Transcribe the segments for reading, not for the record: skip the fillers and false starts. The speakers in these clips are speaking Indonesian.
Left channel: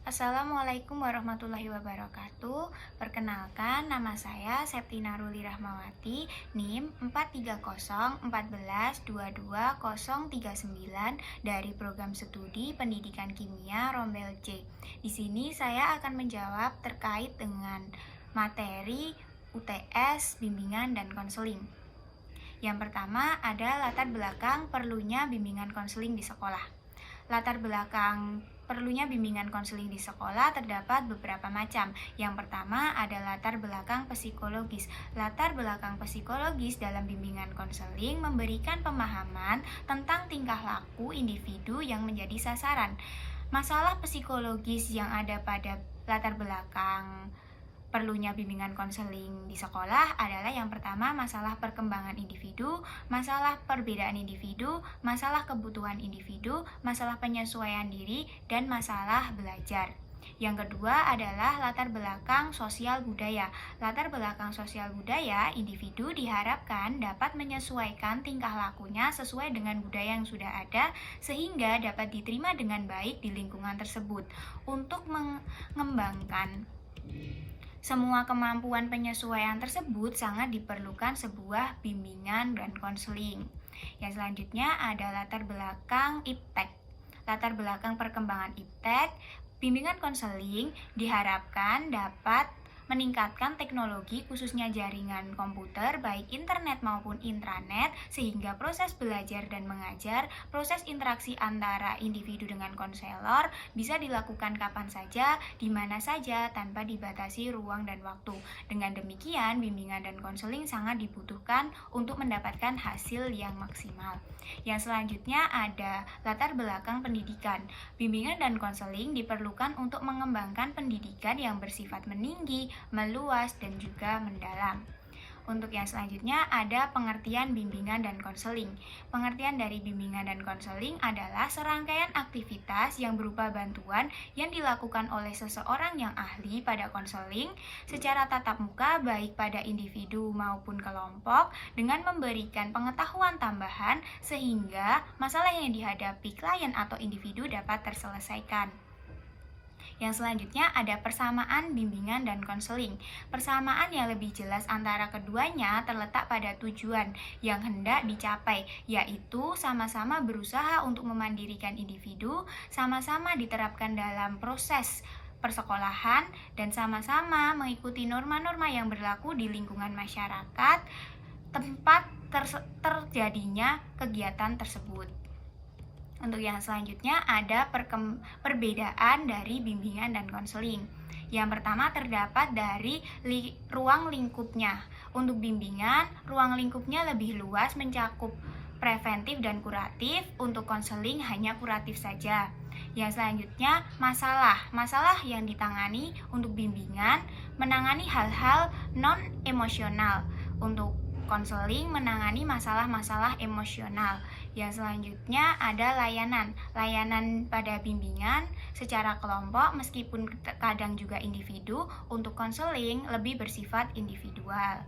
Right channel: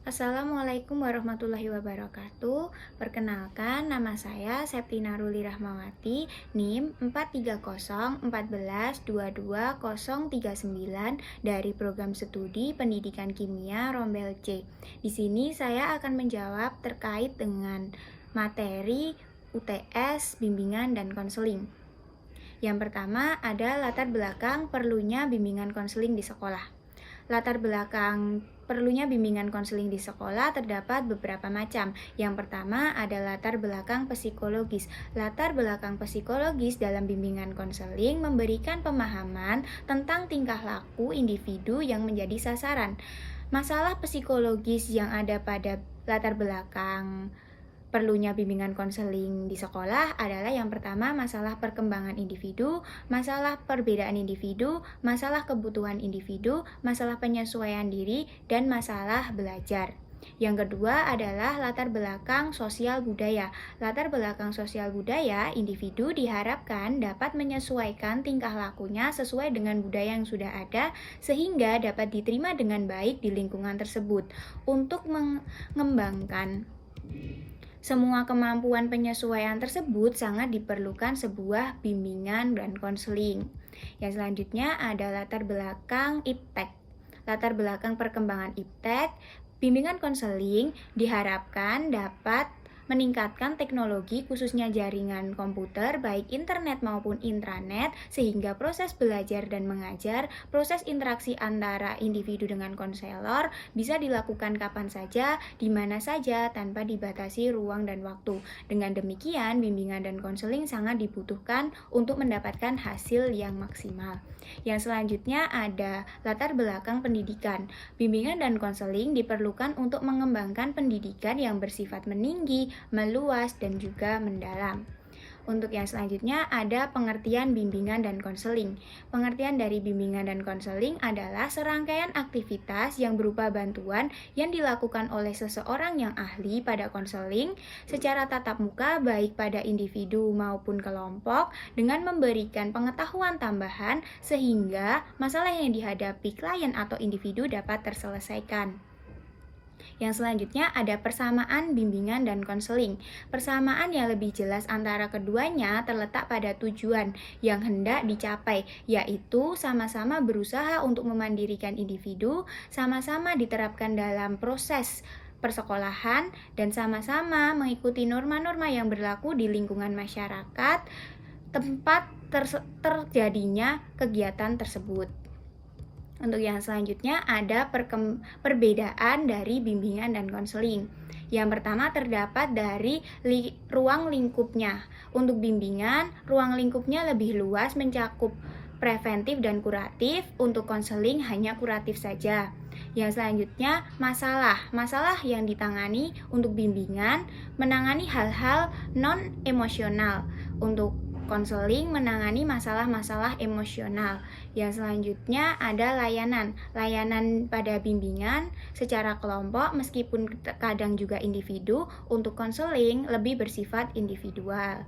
Assalamualaikum warahmatullahi wabarakatuh. Perkenalkan, nama saya Septina Ruli Rahmawati, NIM 43014122039 dari Program Studi Pendidikan Kimia Rombel C. Di sini saya akan menjawab terkait dengan materi UTS, bimbingan dan konseling. Yang pertama ada latar belakang perlunya bimbingan konseling di sekolah. Latar belakang perlunya bimbingan konseling di sekolah terdapat beberapa macam. Yang pertama ada latar belakang psikologis. Latar belakang psikologis dalam bimbingan konseling memberikan pemahaman tentang tingkah laku individu yang menjadi sasaran. Masalah psikologis yang ada pada latar belakang perlunya bimbingan konseling di sekolah adalah yang pertama masalah perkembangan individu, masalah perbedaan individu, masalah kebutuhan individu, masalah penyesuaian diri, dan masalah belajar. Yang kedua adalah latar belakang sosial budaya. Latar belakang sosial budaya, individu diharapkan dapat menyesuaikan tingkah lakunya sesuai dengan budaya yang sudah ada sehingga dapat diterima dengan baik di lingkungan tersebut. Untuk mengembangkan semua kemampuan penyesuaian tersebut sangat diperlukan sebuah bimbingan dan konseling. Yang selanjutnya ada latar belakang iptek. Latar belakang perkembangan iptek, bimbingan konseling diharapkan dapat meningkatkan teknologi khususnya jaringan komputer baik internet maupun intranet sehingga proses belajar dan mengajar, proses interaksi antara individu dengan konselor bisa dilakukan kapan saja, di mana saja tanpa dibatasi ruang dan waktu. Dengan demikian, bimbingan dan konseling sangat dibutuhkan untuk mendapatkan hasil yang maksimal. Yang selanjutnya ada latar belakang pendidikan. Bimbingan dan konseling diperlukan untuk mengembangkan pendidikan yang bersifat meninggi, meluas, dan juga mendalam. Untuk yang selanjutnya ada pengertian bimbingan dan konseling. Pengertian dari bimbingan dan konseling adalah serangkaian aktivitas yang berupa bantuan yang dilakukan oleh seseorang yang ahli pada konseling secara tatap muka baik pada individu maupun kelompok dengan memberikan pengetahuan tambahan sehingga masalah yang dihadapi klien atau individu dapat terselesaikan. Yang selanjutnya ada persamaan bimbingan dan konseling. Persamaan yang lebih jelas antara keduanya terletak pada tujuan yang hendak dicapai, yaitu sama-sama berusaha untuk memandirikan individu, sama-sama diterapkan dalam proses persekolahan, dan sama-sama mengikuti norma-norma yang berlaku di lingkungan masyarakat tempat terjadinya kegiatan tersebut. Untuk yang selanjutnya ada perbedaan dari bimbingan dan konseling. Yang pertama terdapat dari ruang lingkupnya. Untuk bimbingan, ruang lingkupnya lebih luas mencakup preventif dan kuratif. Untuk konseling hanya kuratif saja. Yang selanjutnya masalah yang ditangani untuk bimbingan menangani hal-hal non-emosional. Untuk konseling menangani masalah-masalah emosional. Yang selanjutnya ada layanan pada bimbingan secara kelompok meskipun kadang juga individu. Untuk konseling lebih bersifat individual.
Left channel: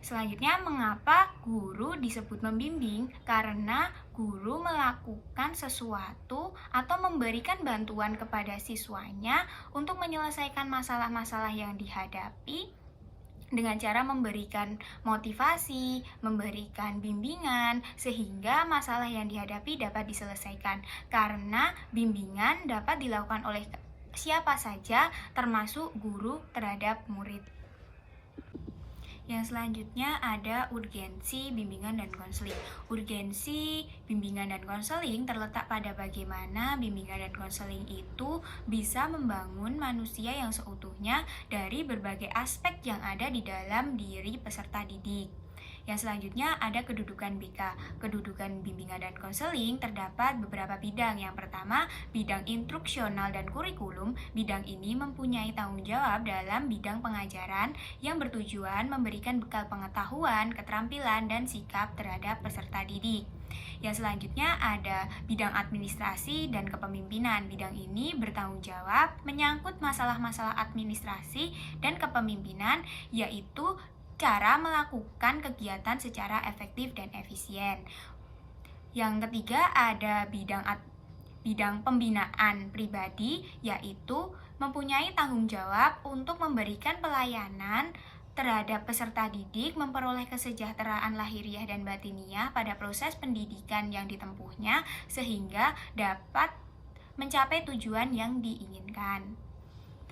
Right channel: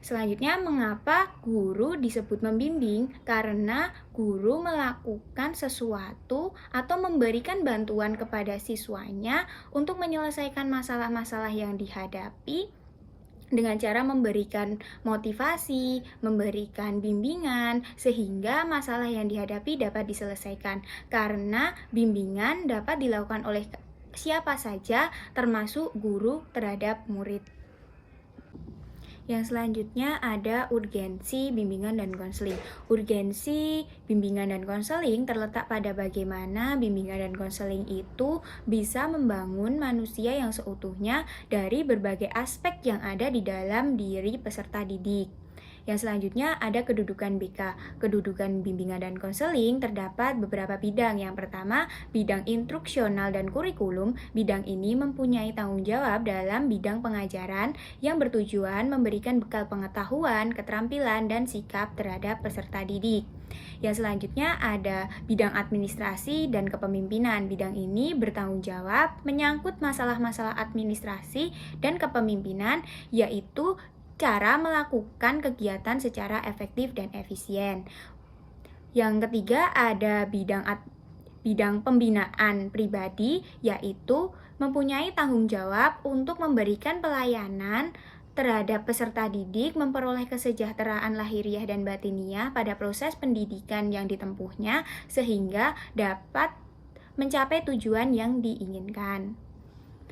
Selanjutnya, mengapa guru disebut membimbing? Karena guru melakukan sesuatu atau memberikan bantuan kepada siswanya untuk menyelesaikan masalah-masalah yang dihadapi dengan cara memberikan motivasi, memberikan bimbingan, sehingga masalah yang dihadapi dapat diselesaikan. Karena bimbingan dapat dilakukan oleh siapa saja, termasuk guru terhadap murid. Yang selanjutnya ada urgensi bimbingan dan konseling. Urgensi bimbingan dan konseling terletak pada bagaimana bimbingan dan konseling itu bisa membangun manusia yang seutuhnya dari berbagai aspek yang ada di dalam diri peserta didik. Yang selanjutnya ada kedudukan BK. Kedudukan bimbingan dan konseling terdapat beberapa bidang. Yang pertama, bidang instruksional dan kurikulum. Bidang ini mempunyai tanggung jawab dalam bidang pengajaran yang bertujuan memberikan bekal pengetahuan, keterampilan, dan sikap terhadap peserta didik. Yang selanjutnya ada bidang administrasi dan kepemimpinan. Bidang ini bertanggung jawab menyangkut masalah-masalah administrasi dan kepemimpinan, yaitu cara melakukan kegiatan secara efektif dan efisien. Yang ketiga ada bidang bidang pembinaan pribadi, yaitu mempunyai tanggung jawab untuk memberikan pelayanan terhadap peserta didik memperoleh kesejahteraan lahiriah dan batiniah pada proses pendidikan yang ditempuhnya sehingga dapat mencapai tujuan yang diinginkan.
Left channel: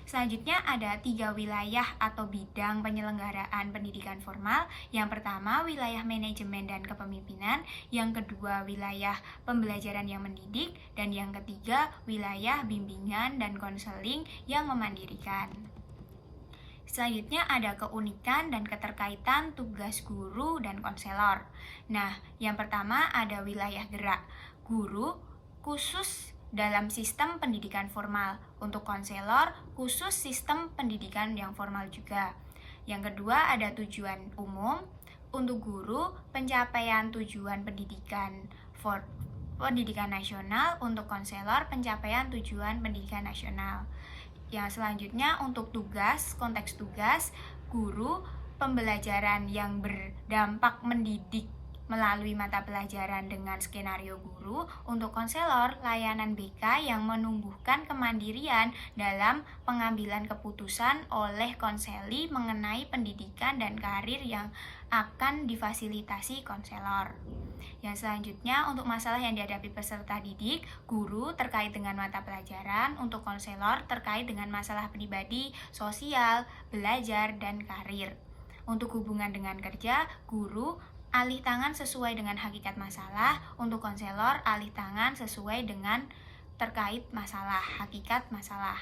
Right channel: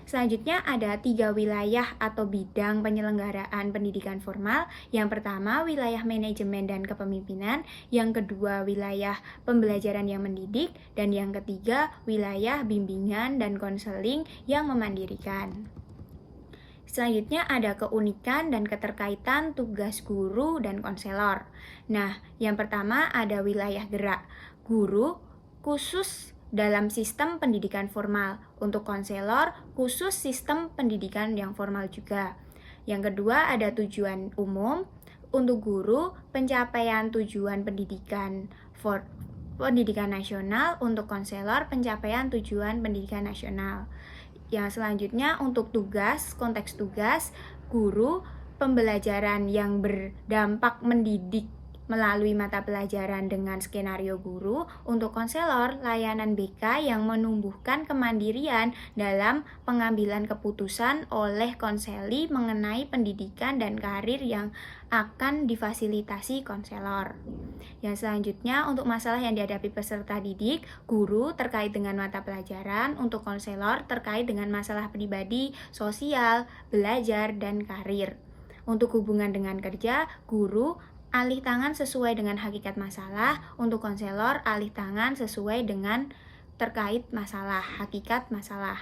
Selanjutnya ada 3 wilayah atau bidang penyelenggaraan pendidikan formal. Yang pertama, wilayah manajemen dan kepemimpinan. Yang kedua, wilayah pembelajaran yang mendidik. Dan yang ketiga, wilayah bimbingan dan konseling yang memandirikan. Selanjutnya ada keunikan dan keterkaitan tugas guru dan konselor. Nah, yang pertama ada wilayah gerak. Guru khusus dalam sistem pendidikan formal. Untuk konselor, khusus sistem pendidikan yang formal juga. Yang kedua, ada tujuan umum. Untuk guru, pencapaian tujuan pendidikan nasional. Untuk konselor, pencapaian tujuan pendidikan nasional. Yang selanjutnya, untuk tugas, konteks tugas, guru, pembelajaran yang berdampak mendidik melalui mata pelajaran dengan skenario guru. Untuk konselor, layanan BK yang menumbuhkan kemandirian dalam pengambilan keputusan oleh konseli mengenai pendidikan dan karir yang akan difasilitasi konselor. Yang selanjutnya, untuk masalah yang dihadapi peserta didik, guru terkait dengan mata pelajaran. Untuk konselor terkait dengan masalah pribadi, sosial, belajar, dan karir. Untuk hubungan dengan kerja, guru alih tangan sesuai dengan hakikat masalah. Untuk konselor, alih tangan sesuai dengan terkait masalah, hakikat masalah.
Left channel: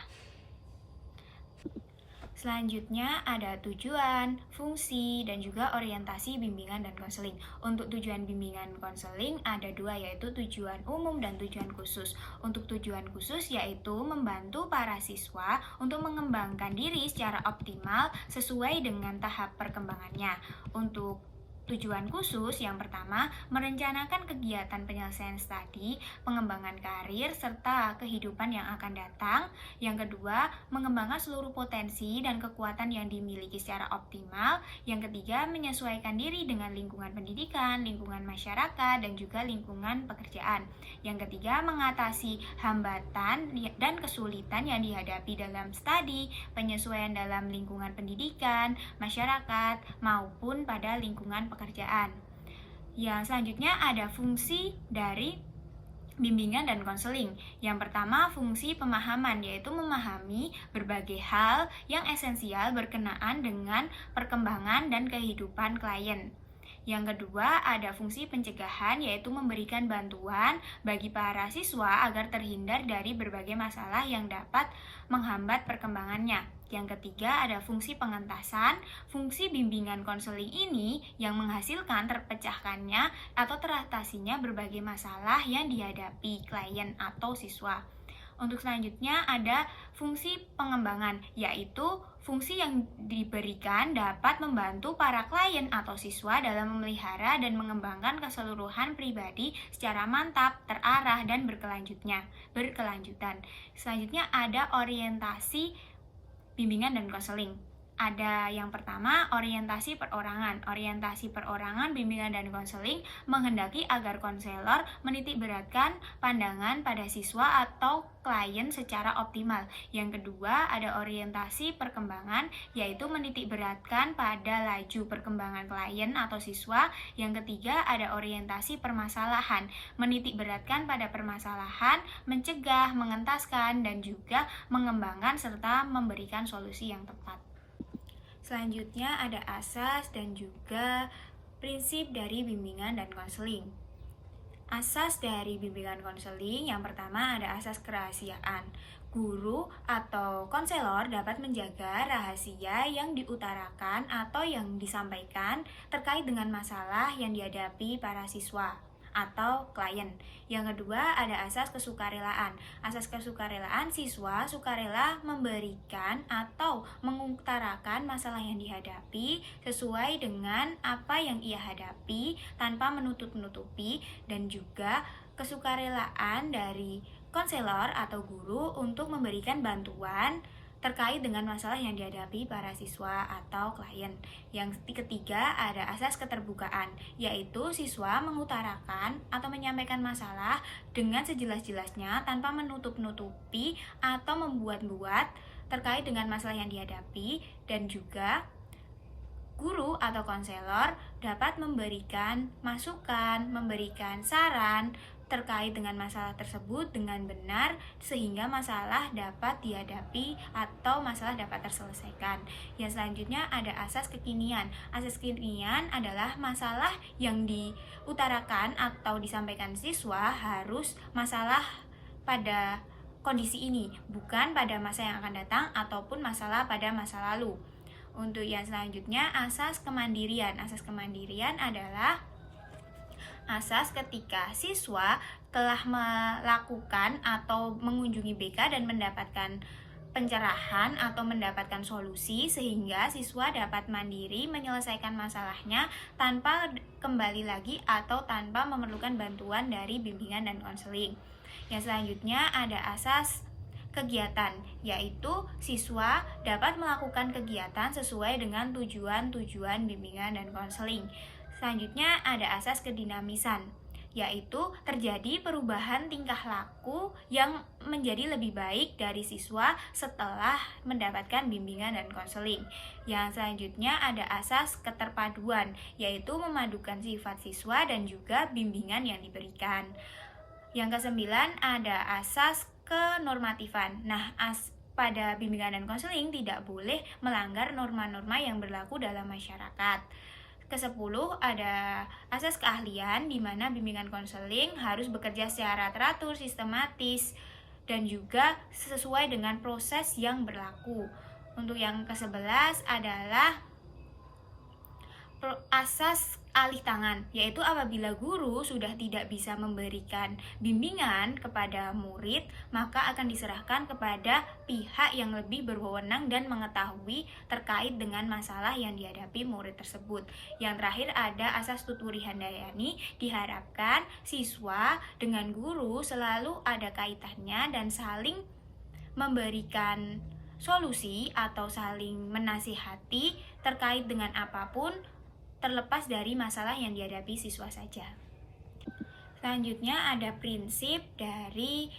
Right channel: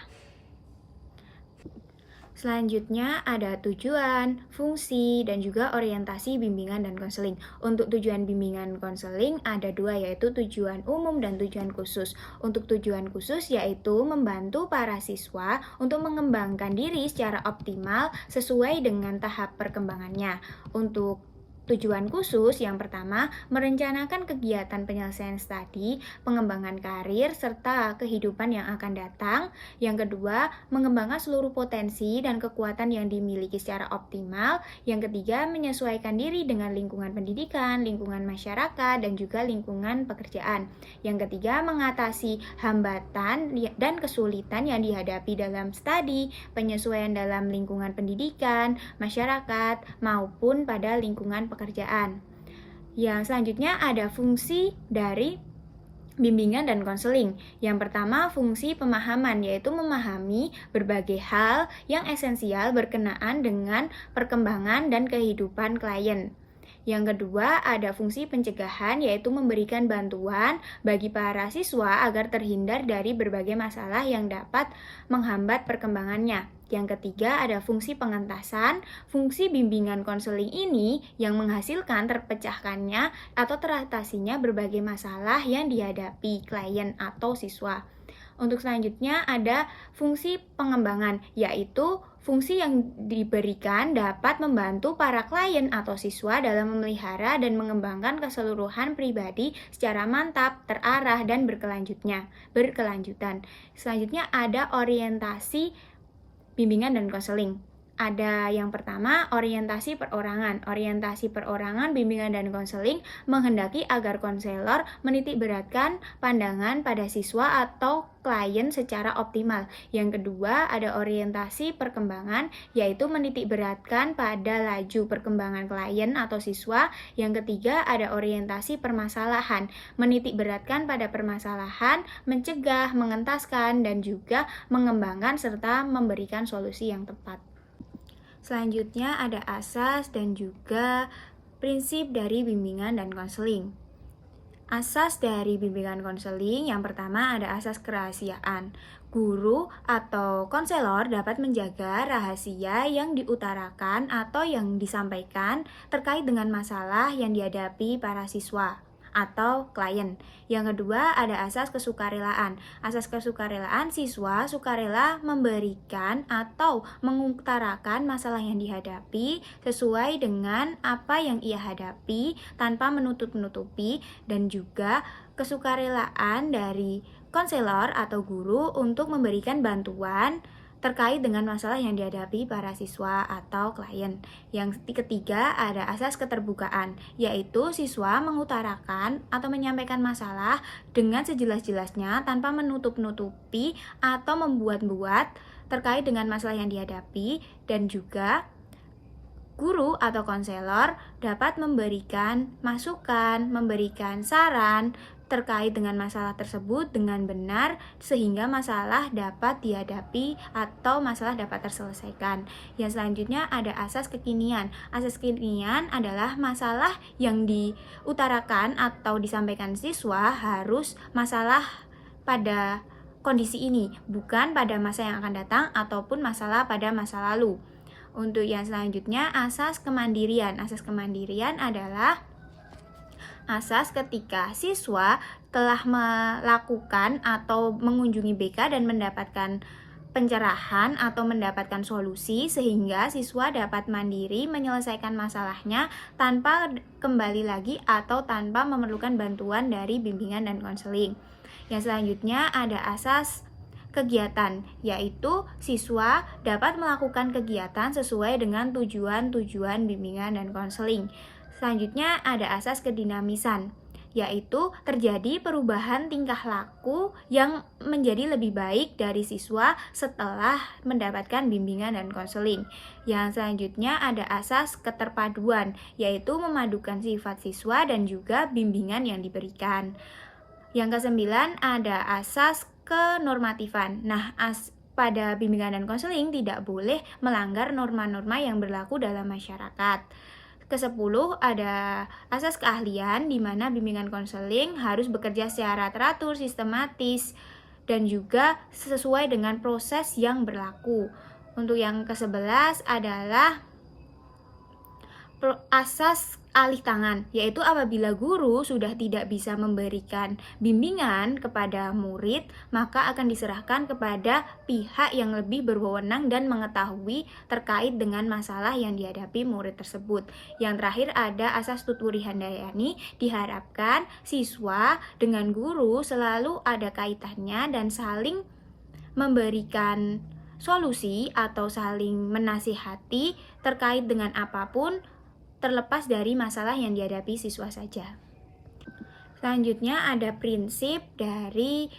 Selanjutnya ada tujuan, fungsi, dan juga orientasi bimbingan dan konseling. Untuk tujuan bimbingan konseling ada 2, yaitu tujuan umum dan tujuan khusus. Untuk tujuan khusus yaitu membantu para siswa untuk mengembangkan diri secara optimal sesuai dengan tahap perkembangannya. Untuk tujuan khusus yang pertama, merencanakan kegiatan penyelesaian studi, pengembangan karir, serta kehidupan yang akan datang. Yang kedua, mengembangkan seluruh potensi dan kekuatan yang dimiliki secara optimal. Yang ketiga, menyesuaikan diri dengan lingkungan pendidikan, lingkungan masyarakat, dan juga lingkungan pekerjaan. Yang ketiga, mengatasi hambatan dan kesulitan yang dihadapi dalam studi, penyesuaian dalam lingkungan pendidikan, masyarakat, maupun pada lingkungan pekerjaan. Yang selanjutnya ada fungsi dari bimbingan dan konseling. Yang pertama, fungsi pemahaman, yaitu memahami berbagai hal yang esensial berkenaan dengan perkembangan dan kehidupan klien. Yang kedua, ada fungsi pencegahan, yaitu memberikan bantuan bagi para siswa agar terhindar dari berbagai masalah yang dapat menghambat perkembangannya. Yang ketiga, ada fungsi pengentasan. Fungsi bimbingan konseling ini yang menghasilkan terpecahkannya atau teratasinya berbagai masalah yang dihadapi klien atau siswa. Untuk selanjutnya ada fungsi pengembangan, yaitu fungsi yang diberikan dapat membantu para klien atau siswa dalam memelihara dan mengembangkan keseluruhan pribadi secara mantap, terarah, dan berkelanjutan. Selanjutnya ada orientasi bimbingan dan konseling. Ada yang pertama, orientasi perorangan. Orientasi perorangan, bimbingan, dan konseling menghendaki agar konselor menitikberatkan pandangan pada siswa atau klien secara optimal. Yang kedua, ada orientasi perkembangan, yaitu menitikberatkan pada laju perkembangan klien atau siswa. Yang ketiga, ada orientasi permasalahan, menitikberatkan pada permasalahan, mencegah, mengentaskan, dan juga mengembangkan serta memberikan solusi yang tepat. Selanjutnya ada asas dan juga prinsip dari bimbingan dan konseling. Asas dari bimbingan konseling yang pertama ada asas kerahasiaan. Guru atau konselor dapat menjaga rahasia yang diutarakan atau yang disampaikan terkait dengan masalah yang dihadapi para siswa atau klien. Yang kedua ada asas kesukarelaan. Asas kesukarelaan, siswa sukarela memberikan atau mengutarakan masalah yang dihadapi sesuai dengan apa yang ia hadapi tanpa menutup-nutupi, dan juga kesukarelaan dari konselor atau guru untuk memberikan bantuan terkait dengan masalah yang dihadapi para siswa atau klien. Yang ketiga ada asas keterbukaan, yaitu siswa mengutarakan atau menyampaikan masalah dengan sejelas-jelasnya tanpa menutup-nutupi atau membuat-buat terkait dengan masalah yang dihadapi, dan juga guru atau konselor dapat memberikan masukan, memberikan saran terkait dengan masalah tersebut dengan benar sehingga masalah dapat dihadapi atau masalah dapat terselesaikan. Yang selanjutnya ada asas kekinian. Asas kekinian adalah masalah yang diutarakan atau disampaikan siswa harus masalah pada kondisi ini, bukan pada masa yang akan datang ataupun masalah pada masa lalu. Untuk yang selanjutnya, asas kemandirian. Asas kemandirian adalah asas ketika siswa telah melakukan atau mengunjungi BK dan mendapatkan pencerahan atau mendapatkan solusi sehingga siswa dapat mandiri menyelesaikan masalahnya tanpa kembali lagi atau tanpa memerlukan bantuan dari bimbingan dan konseling. Yang selanjutnya ada asas kegiatan, yaitu siswa dapat melakukan kegiatan sesuai dengan tujuan-tujuan bimbingan dan konseling. Selanjutnya ada asas kedinamisan, yaitu terjadi perubahan tingkah laku yang menjadi lebih baik dari siswa setelah mendapatkan bimbingan dan konseling. Yang selanjutnya ada asas keterpaduan, yaitu memadukan sifat siswa dan juga bimbingan yang diberikan. Yang kesembilan ada asas kenormatifan. Nah, pada bimbingan dan konseling tidak boleh melanggar norma-norma yang berlaku dalam masyarakat. Ke-10 ada asas keahlian, di mana bimbingan konseling harus bekerja secara teratur, sistematis, dan juga sesuai dengan proses yang berlaku. Untuk yang ke-11 adalah asas alih tangan, yaitu apabila guru sudah tidak bisa memberikan bimbingan kepada murid, maka akan diserahkan kepada pihak yang lebih berwenang dan mengetahui terkait dengan masalah yang dihadapi murid tersebut. Yang terakhir ada asas tuturi handayani, diharapkan siswa dengan guru selalu ada kaitannya dan saling memberikan solusi atau saling menasihati terkait dengan apapun, terlepas dari masalah yang dihadapi siswa saja. Selanjutnya ada prinsip dari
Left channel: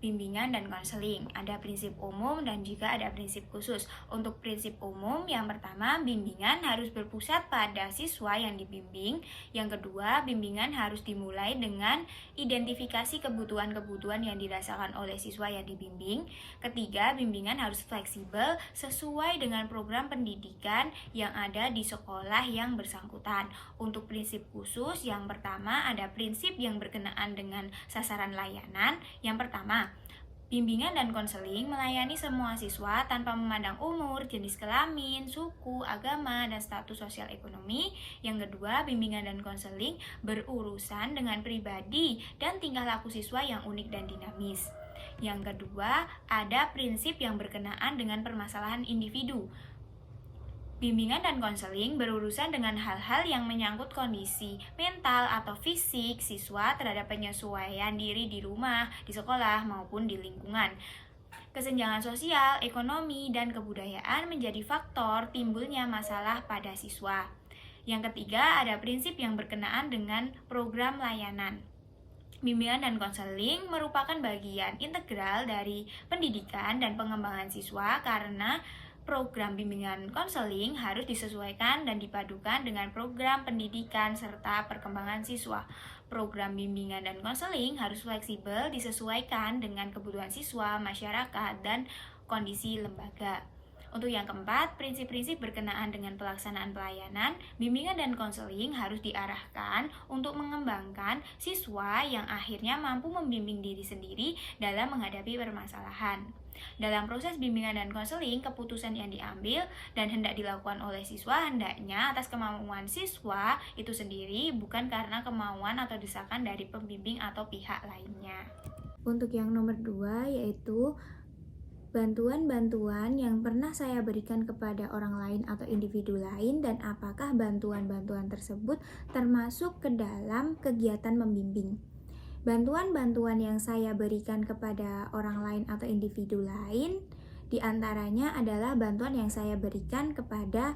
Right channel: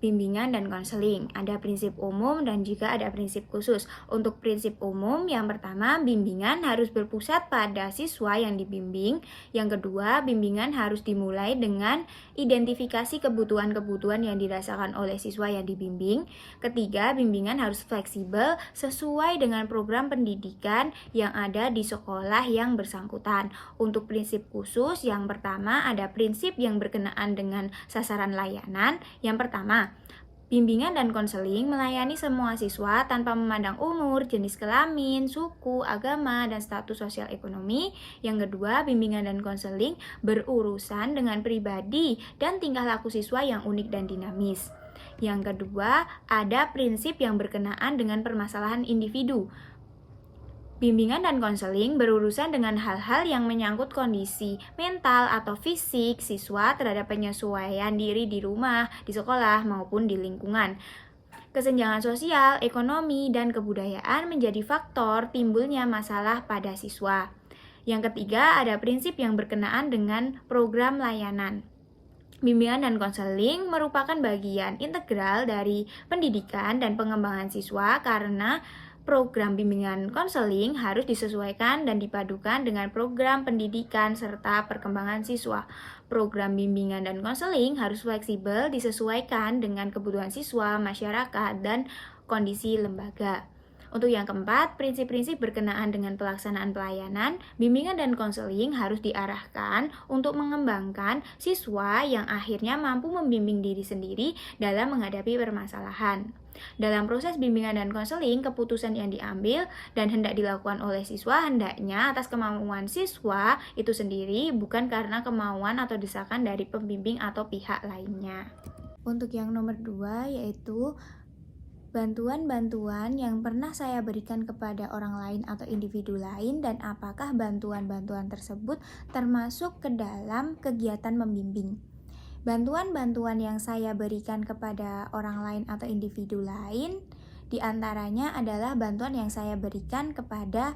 bimbingan dan konseling. Ada prinsip umum dan juga ada prinsip khusus. Untuk prinsip umum, yang pertama, bimbingan harus berpusat pada siswa yang dibimbing. Yang kedua, bimbingan harus dimulai dengan identifikasi kebutuhan-kebutuhan yang dirasakan oleh siswa yang dibimbing. Ketiga, bimbingan harus fleksibel sesuai dengan program pendidikan yang ada di sekolah yang bersangkutan. Untuk prinsip khusus, yang pertama ada prinsip yang berkenaan dengan sasaran layanan. Yang pertama, bimbingan dan konseling melayani semua siswa tanpa memandang umur, jenis kelamin, suku, agama, dan status sosial ekonomi. Yang kedua, bimbingan dan konseling berurusan dengan pribadi dan tingkah laku siswa yang unik dan dinamis. Yang kedua, ada prinsip yang berkenaan dengan permasalahan individu. Bimbingan dan konseling berurusan dengan hal-hal yang menyangkut kondisi mental atau fisik siswa terhadap penyesuaian diri di rumah, di sekolah, maupun di lingkungan. Kesenjangan sosial, ekonomi, dan kebudayaan menjadi faktor timbulnya masalah pada siswa. Yang ketiga, ada prinsip yang berkenaan dengan program layanan. Bimbingan dan konseling merupakan bagian integral dari pendidikan dan pengembangan siswa karena program bimbingan konseling harus disesuaikan dan dipadukan dengan program pendidikan serta perkembangan siswa. Program bimbingan dan konseling harus fleksibel disesuaikan dengan kebutuhan siswa, masyarakat, dan kondisi lembaga. Untuk yang keempat, prinsip-prinsip berkenaan dengan pelaksanaan pelayanan, bimbingan dan konseling harus diarahkan untuk mengembangkan siswa yang akhirnya mampu membimbing diri sendiri dalam menghadapi permasalahan. Dalam proses bimbingan dan konseling, keputusan yang diambil dan hendak dilakukan oleh siswa hendaknya atas kemauan siswa itu sendiri, bukan karena kemauan atau desakan dari pembimbing atau pihak lainnya. Untuk yang nomor 2 yaitu bantuan-bantuan yang pernah saya berikan kepada orang lain atau individu lain dan apakah bantuan-bantuan tersebut termasuk ke dalam kegiatan membimbing. Bantuan-bantuan yang saya berikan kepada orang lain atau individu lain Di antaranya adalah bantuan yang saya berikan kepada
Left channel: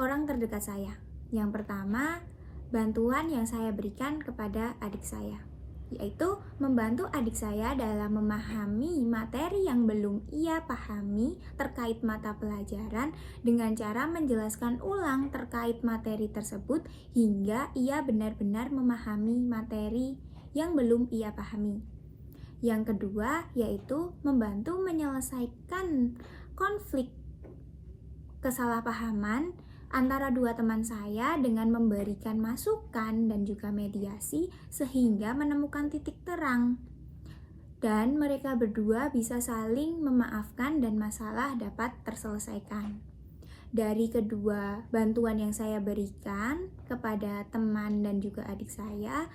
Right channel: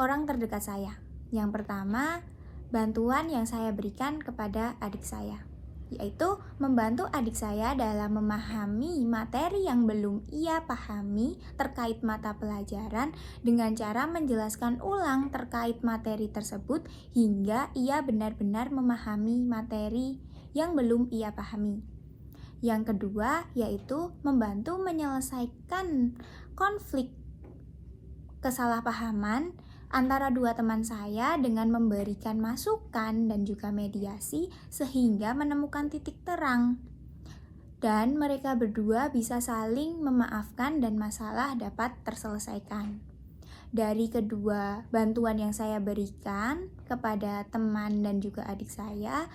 orang terdekat saya. Yang pertama, bantuan yang saya berikan kepada adik saya, yaitu membantu adik saya dalam memahami materi yang belum ia pahami terkait mata pelajaran dengan cara menjelaskan ulang terkait materi tersebut hingga ia benar-benar memahami materi yang belum ia pahami. Yang kedua, yaitu membantu menyelesaikan konflik kesalahpahaman antara dua teman saya dengan memberikan masukan dan juga mediasi sehingga menemukan titik terang. Dan mereka berdua bisa saling memaafkan dan masalah dapat terselesaikan. Dari kedua bantuan yang saya berikan kepada teman dan juga adik saya,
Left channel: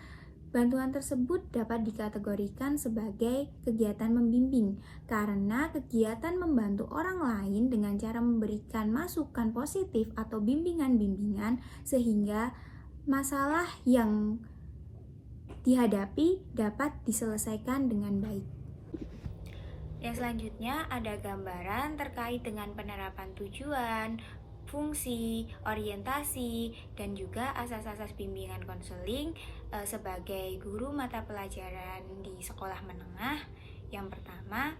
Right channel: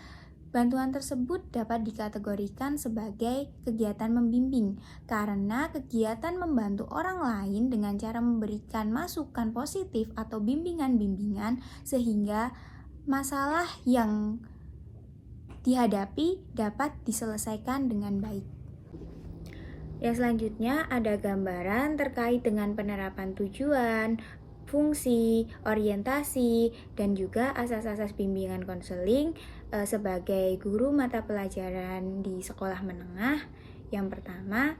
bantuan tersebut dapat dikategorikan sebagai kegiatan membimbing karena kegiatan membantu orang lain dengan cara memberikan masukan positif atau bimbingan-bimbingan sehingga masalah yang dihadapi dapat diselesaikan dengan baik. Yang selanjutnya ada gambaran terkait dengan penerapan tujuan, fungsi, orientasi, dan juga asas-asas bimbingan konseling sebagai guru mata pelajaran di sekolah menengah. Yang pertama,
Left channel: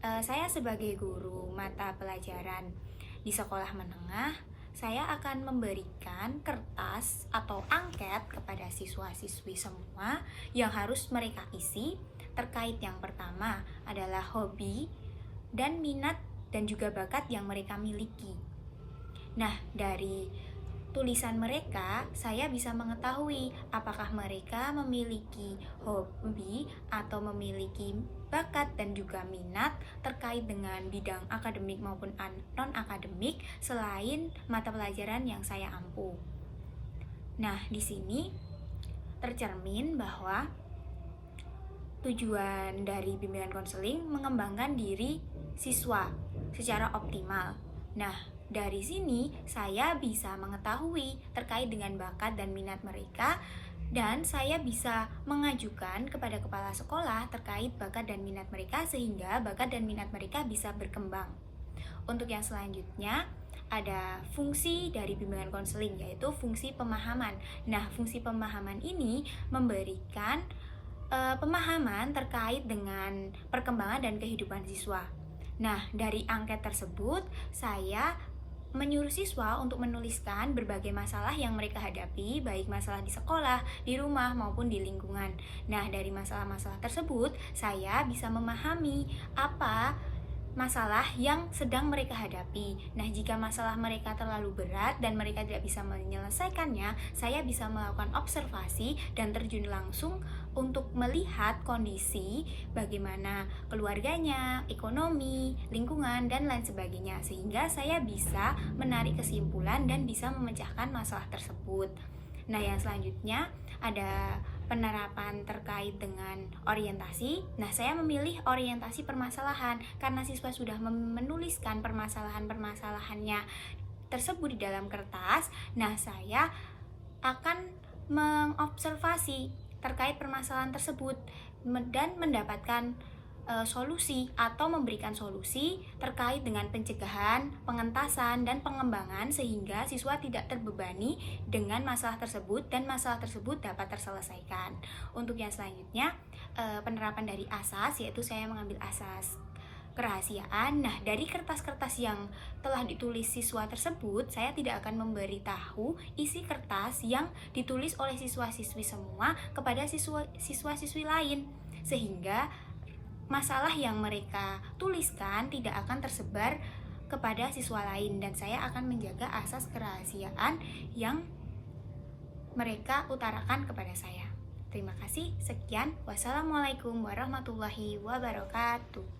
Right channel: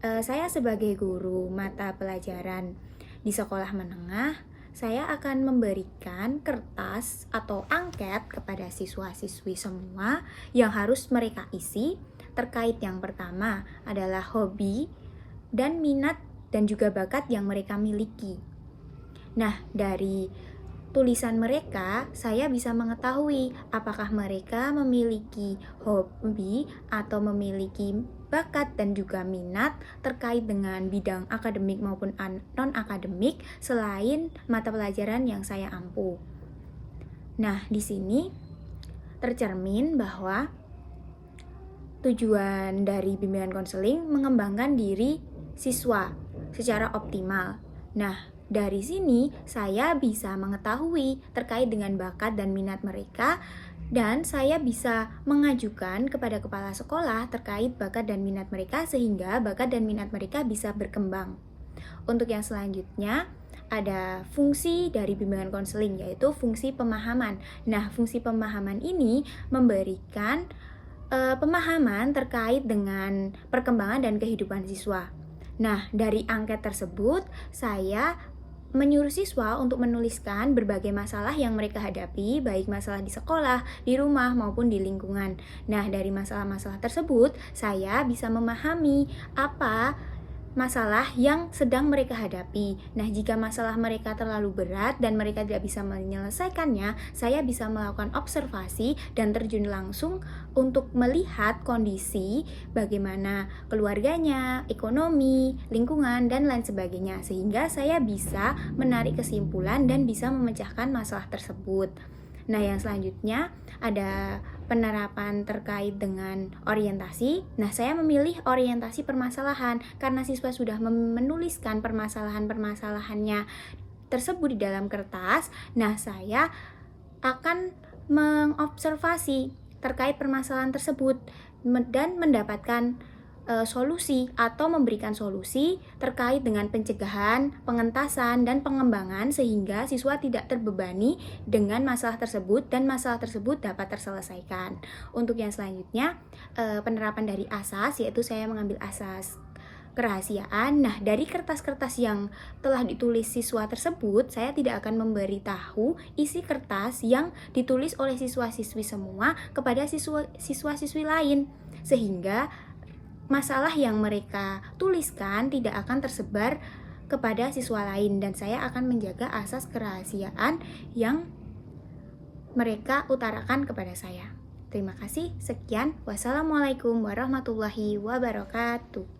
saya sebagai guru mata pelajaran di sekolah menengah, saya akan memberikan kertas atau angket kepada siswa-siswi semua yang harus mereka isi terkait yang pertama adalah hobi dan minat dan juga bakat yang mereka miliki. Nah, dari tulisan mereka, saya bisa mengetahui apakah mereka memiliki hobi atau memiliki bakat dan juga minat terkait dengan bidang akademik maupun non-akademik selain mata pelajaran yang saya ampu. Nah, di sini tercermin bahwa tujuan dari bimbingan konseling mengembangkan diri siswa secara optimal. Nah, dari sini saya bisa mengetahui terkait dengan bakat dan minat mereka dan saya bisa mengajukan kepada kepala sekolah terkait bakat dan minat mereka sehingga bakat dan minat mereka bisa berkembang. Untuk yang selanjutnya ada fungsi dari bimbingan konseling yaitu fungsi pemahaman. Nah, fungsi pemahaman ini memberikan pemahaman terkait dengan perkembangan dan kehidupan siswa. Nah, dari angket tersebut saya menyuruh siswa untuk menuliskan berbagai masalah yang mereka hadapi, baik masalah di sekolah, di rumah, maupun di lingkungan. Nah, dari masalah-masalah tersebut, saya bisa memahami apa masalah yang sedang mereka hadapi. Nah, jika masalah mereka terlalu berat dan mereka tidak bisa menyelesaikannya, saya bisa melakukan observasi dan terjun langsung untuk melihat kondisi bagaimana keluarganya, ekonomi, lingkungan, dan lain sebagainya, sehingga saya bisa menarik kesimpulan dan bisa memecahkan masalah tersebut. Nah, yang selanjutnya ada penerapan terkait dengan orientasi. Nah, saya memilih orientasi permasalahan karena siswa sudah menuliskan permasalahan-permasalahannya tersebut di dalam kertas. Nah, saya akan mengobservasi terkait permasalahan tersebut dan mendapatkan solusi atau memberikan solusi terkait dengan pencegahan, pengentasan, dan pengembangan sehingga siswa tidak terbebani dengan masalah tersebut dan masalah tersebut dapat terselesaikan. Untuk yang selanjutnya, penerapan dari asas, yaitu saya mengambil asas kerahasiaan. Nah, dari kertas-kertas yang telah ditulis siswa tersebut, saya tidak akan memberitahu isi kertas yang ditulis oleh siswa-siswi semua kepada siswa-siswi lain, sehingga masalah yang mereka tuliskan tidak akan tersebar kepada siswa lain dan saya akan menjaga asas kerahasiaan yang mereka utarakan kepada saya. Terima kasih, sekian. Wassalamualaikum warahmatullahi wabarakatuh.